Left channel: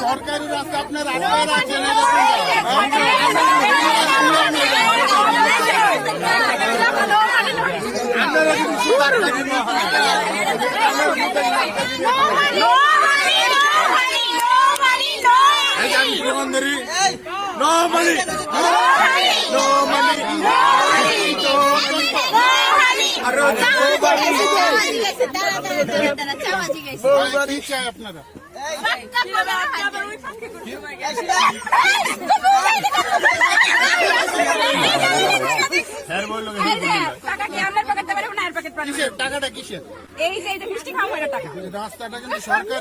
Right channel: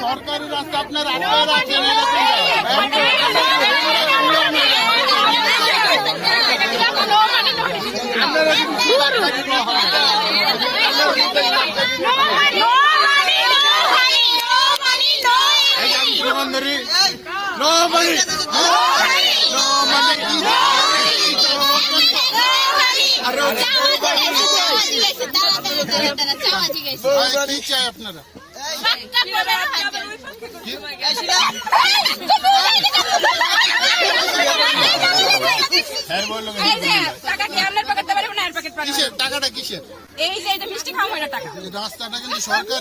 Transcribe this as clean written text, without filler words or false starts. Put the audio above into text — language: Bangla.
সরকারি রাস্তা আপনার আপনারা কিসের টাকাটা কিসের? এই যে মিষ্টি খাওয়া টাকা, রাস্তাটা কিন্তু সরকার